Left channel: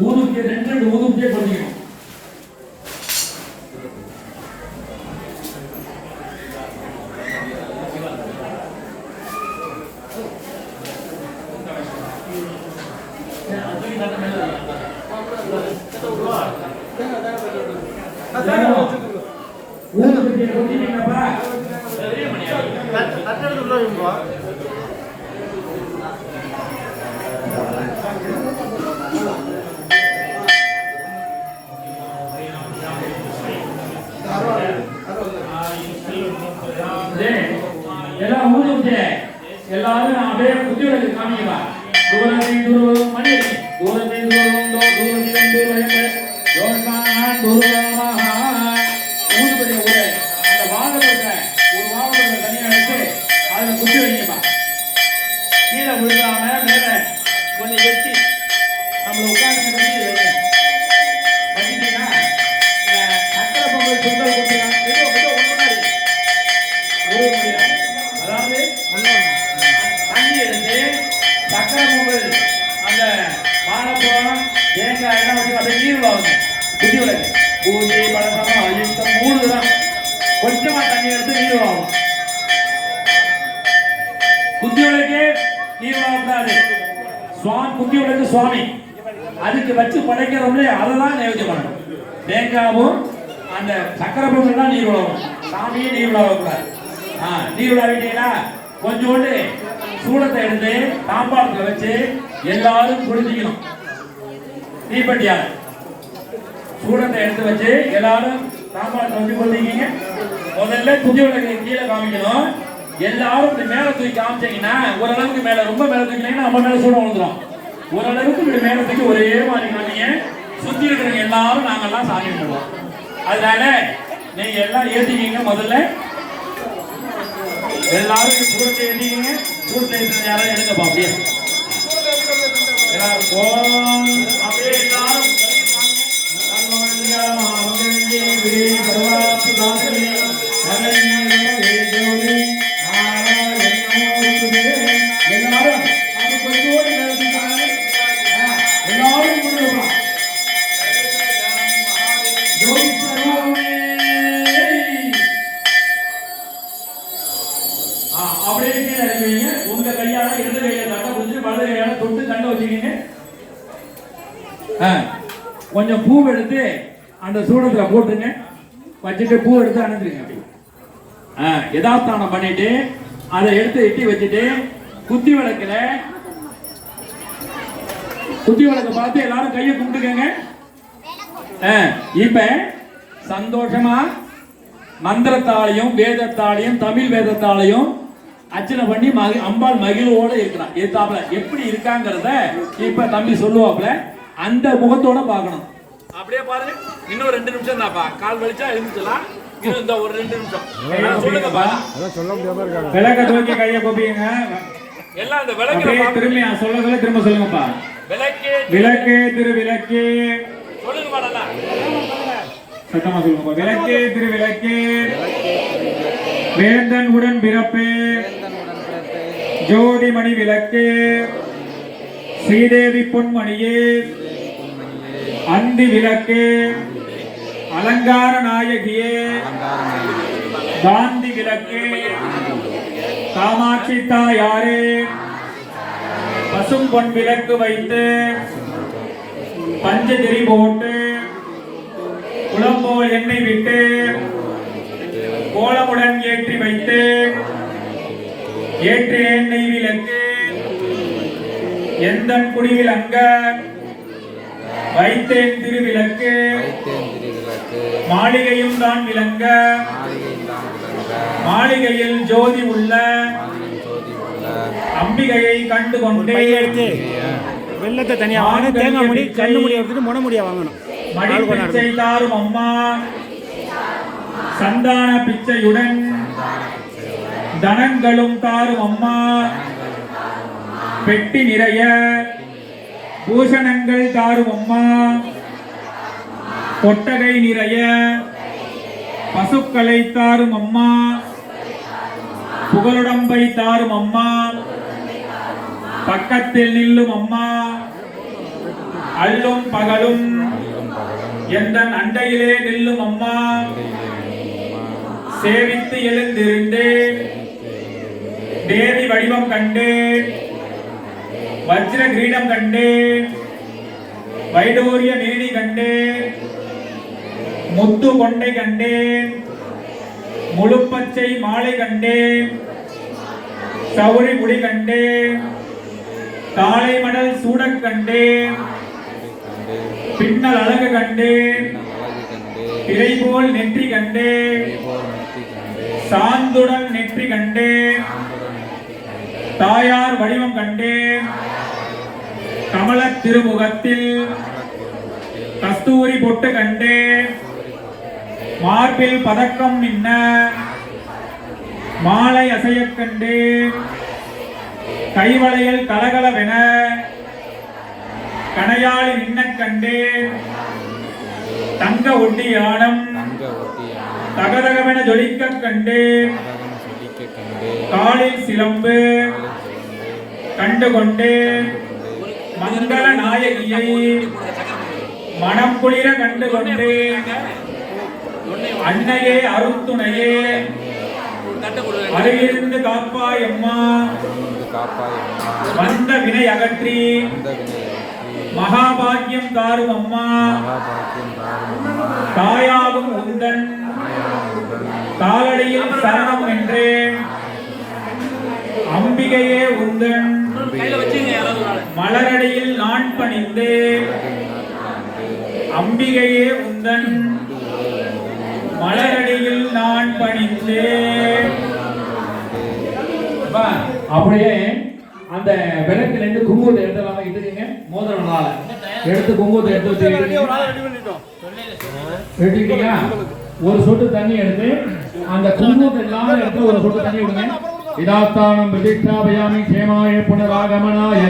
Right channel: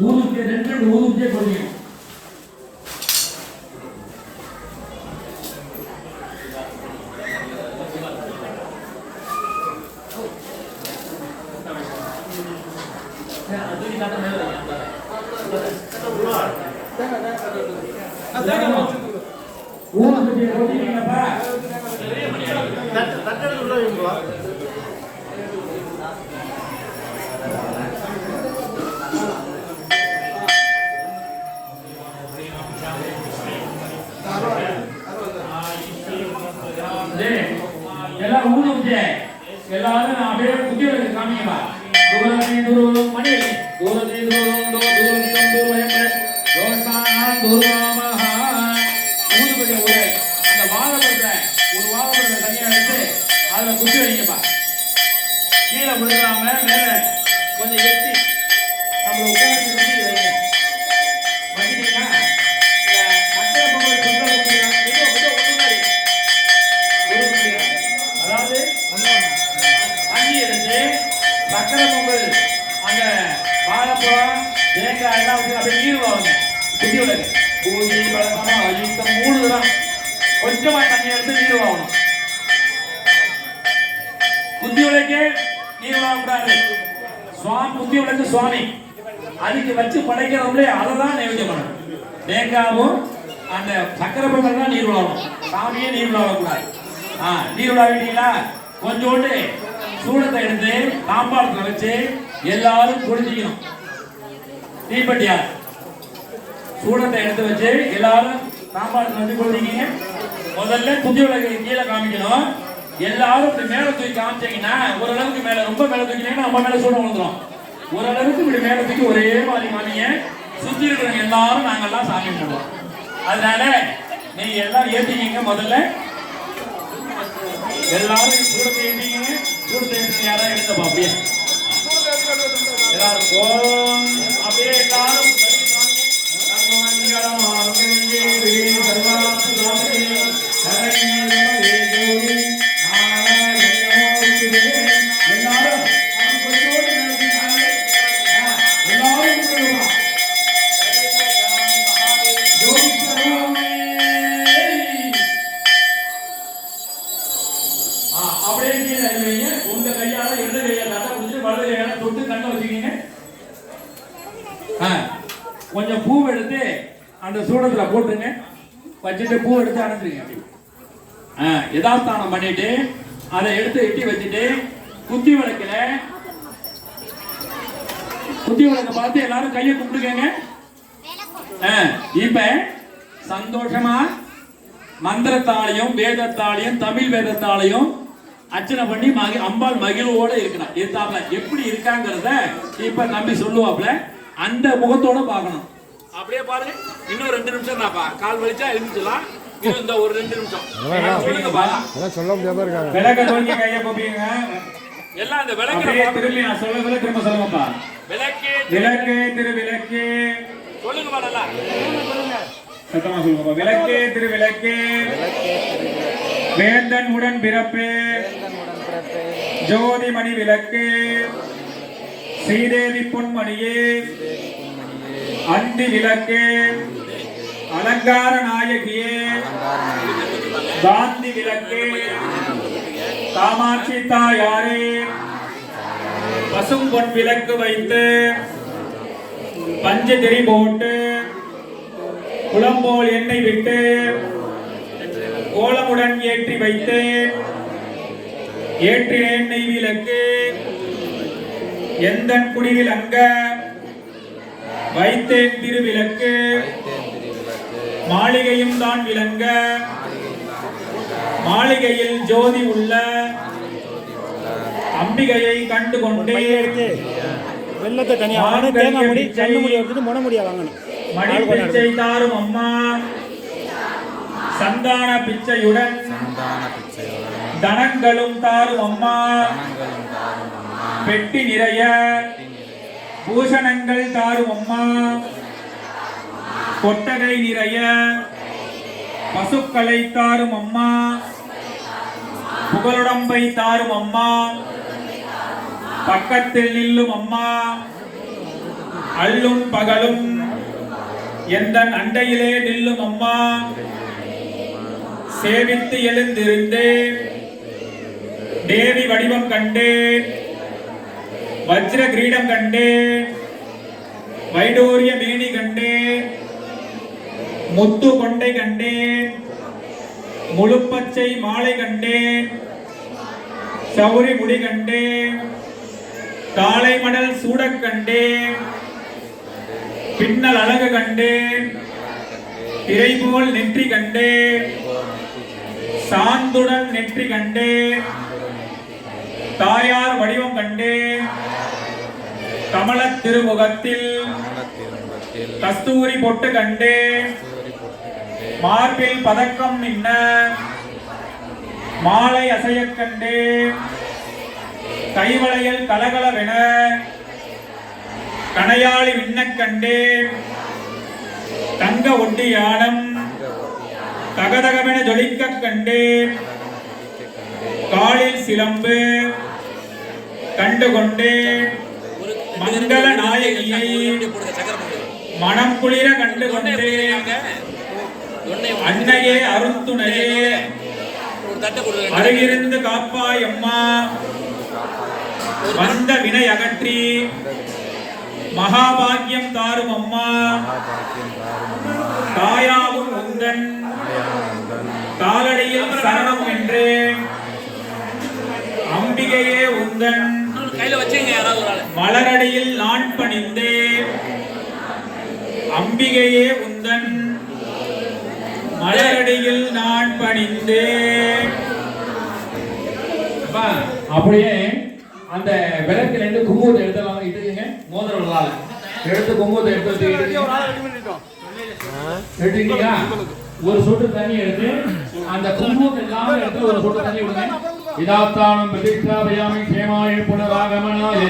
ஊதுபத்தியை 2 ஊதுபத்தியை கொட்டிக்கணும். ஊதுபத்தியை கொட்டிக்கீங்கப்பா. எல்லாம் ஊதுபத்திய எல்லாரும் அப்படியே குட்டியோட காமிக்கா. மணி குட்டி வைங்கப்பா. கீழே விழுகாம மேல கொஞ்சம் எட்டி நம்ம உட்கார்ந்து பண்ணி வைங்க. பார்த்தீங்கன்னா சக்கரை பொங்கல் சுண்டல் அதாவது தண்ணி எடுத்து சக்கரை பொங்கல் அந்த வாழைப்பழம் தேங்காய் எல்லாம் வச்சு அப்படியே நீர் வாங்க. குட்டி விளக்கு பூஜை பழக்கம் அழுத்தம் 3 தான். கொஞ்சமா தண்ணி எடுத்து நீர் வாங்க. குத்தி விளக்கு நீர் வாங்கக்கூடாது. குத்தி விளக்கு சுவாமி அதுக்கு வச்சு படைக்கிறவங்களே அதை தான் நைவேத்தியம் பண்ணணும். தேங்காவும் அந்த சக்கரை பொங்கல் தான் நீர் விழாவும். சாமியே நீர் விழாவக்கூடாது. நீர் விழாவிட்டீங்களா கொஞ்சோண்டு சூடத்தை எடுத்து தாம்பாளத்தில் வச்சு எல்லாரும் குடிச்சிக்கணும். தீப்பெட்டியார் சூடத்தை எடுத்து வச்சு எல்லாரும் தாம்பாளத்தில் வச்சு குடிச்சிக்கிங்க. முதல்ல குத்தி விளக்கு கீழே காமிக்கணும். எல்லாரும் இப்படி மேல தூக்கி காமிச்சீங்கன்னா ஓரளவுக்கு மேல ரொம்ப மேல தூக்கினீங்கன்னா நம்ம மேல சூடம் விழுந்துடும். ஓரளவுக்கு இப்படி மேல தூக்கி ஒரே மாதிரி காமிங்க. சுத்தி இருக்கிறவங்க எல்லாரும் நாங்கெல்லாம் சாமி பண்ணுவோம். அதனால நீங்க எல்லாம் ஏத்திக்கிங்க. முதல்ல எல்லாரும் சூடத்தை ஏத்திக்கிங்க. சூடத்தை யாரும் எடுத்தப்பா அப்படியே எல்லாரும் அப்படியே எல்லாரும் அப்படியே கீழே இறங்குவீங்க. உங்க கையால இடது கையை தட்டை பிடிச்சி வலது கையால தொட்டு கண்ணை வச்சுக்கீங்க. கொஞ்சம் பூ எடுத்து அந்த சூடத்துல போட்டுருங்க. வச்சுட்டு பூ எடுத்து அணைஞ்சிருங்க. யதாஸ்தானம் பண்ணிட்டு அதை எடுத்து எட்டி வச்சுட்டு குத்தி விளக்க பார்த்து எல்லாரும் கையை கும்பிட்டுக்கங்க. இப்ப சந்தோஷமா மந்திரத்தாலையும் வேதத்தாலையும் தமிழ் வேதத்தாலையும் அர்ச்சனை பண்ணி அம்பாள் மகிழ்வோட இருக்கிறான். எதிர்த்தாப்புல எப்படி இருக்காங்கிறத இப்ப தம்பி சொல்லுவாப்ல அந்த முகத்தோட பார்க்கணும். அப்படியே பாருங்க. இன்னும் 2 நிமிஷம் தான்ப்பா. கால் வலிச்சா எழுந்துக்கலாம். இந்த ஒரு 2 நிமிஷம் சொல்லுங்கப்பா. அதான் சொல்ல முடியாம இருக்காங்க. விளக்க தோஞ்சி கையை கூப்பிடுங்க. எல்லாம் அந்த விளக்கு திரும்பி சொல்ல திரும்ப சொல்லுங்கப்பா. விளக்கே திரு விளக்கே சொல்லுங்கப்பா. நல்லா சத்தமா சொல்லுங்கப்பா. விளக்கே திரு விளக்கே வேந்தன் உடன் பிறப்பே ஜோதி மணி விளக்கே ஸ்ரீதேவி பொன்மணியே அந்தி விளக்கே அலங்கார நாயகியே காந்தி விளக்கே காமாட்சி தாயாரே பசும் பொன் விளக்கு வைத்து பஞ்சதிரி போட்டு குளம்போல் எண்ணெய் விட்டு கோலமுடன் ஏற்றி வைத்து ஏற்றினேன் நெய் விளக்கு எந்தன் குடிவிலங்க வைத்தேன் திருவிளக்கு மாளிகையும் தான் விளங்க மாளிகையில் ஜோதி உள்ள அம்பிகையை கண்டு கொண்டே வெள்ளத்தை தனியா தேங்காய் முடி கண்ணு முடி எடுத்துட்டு முனை முடியா வாங்கணும். மணி பிச்சை தாரும் அம்மா சந்தான பிச்சையுடன் தனங்களும் தாரும் அம்மா பெட்டி நிறைய பூஷணங்கள் தாரும் அம்மா கொட்டகை நிறைய பசுக்களை தாரும் அம்மா புகழுடம்பை தாரும் அம்மா பக்கத்தில் நில்லும் அம்மா அல்லும் பகலும் எந்தன் அண்டையிலே நில்லும் அம்மா சேவித்து எழுந்திருந்தேன் தேவி வடிவம் கண்டேன் வஜ்ர கிரீடம் கண்டேன் வைடூரிய மேனி கண்டேன் முத்து கொண்டை கண்டேன் முழுப்பச்சை மாலை கண்டேன் சௌரி முடி கண்டேன் காளை மடல் சூடக் கண்டேன் பின்னல் அழகு கண்டேன் திரை போல் நெற்றி கண்டேன் சாந்துடன் நெற்றி கண்டேன் தாயார் வடிவம் கண்டேன் கமலத் திருமுகத்தில் கஸ்தூரி பொட்டு கண்டேன் மார்பில் பதக்கம் மின்ன மாலை அசையக் கண்டேன் கைவளையல் கலகலவென கணையாளி விண்ணக் கண்டேன் தங்க ஒட்டியானம் தகதகவென ஜொலிக்கக் கண்டேன் காலில் சிலம்பு கண்டு கொண்டேன் மங்கள நாயகியை மனம் குளிர கண்டு கொண்டேன் அன்னையே அருந்துணையே அருகிருந்து காப்பாய் அம்மா வந்த வினை அகற்றி மகாபாக்கியம் தாரும் அம்மா தாயாவும் உந்தன் காலடியில் சரணம் என்றேன் அம்பிகையே உந்தன் மலரடியில் நான் பணிந்தேன் அம்பிகையே உந்தன் மலரடியில் நான் பணிந்தேன். அப்படியே அந்த விளக்குல இருந்து குங்குமத்தை எடுத்துலாம் எடுத்துக்கங்க மோதிரம் எடுத்து குங்குமத்தை எடுத்துட்டீங்களா ஒரு சொட்டு தண்ணி எடுத்து அந்த குங்குமத்தை எல்லாம் எடுத்து ஒரு சொட்டு தண்ணி விடுங்க இதாத்தானம் பிரதிஷ்டாபயாமி சேமாய புனராகமனாய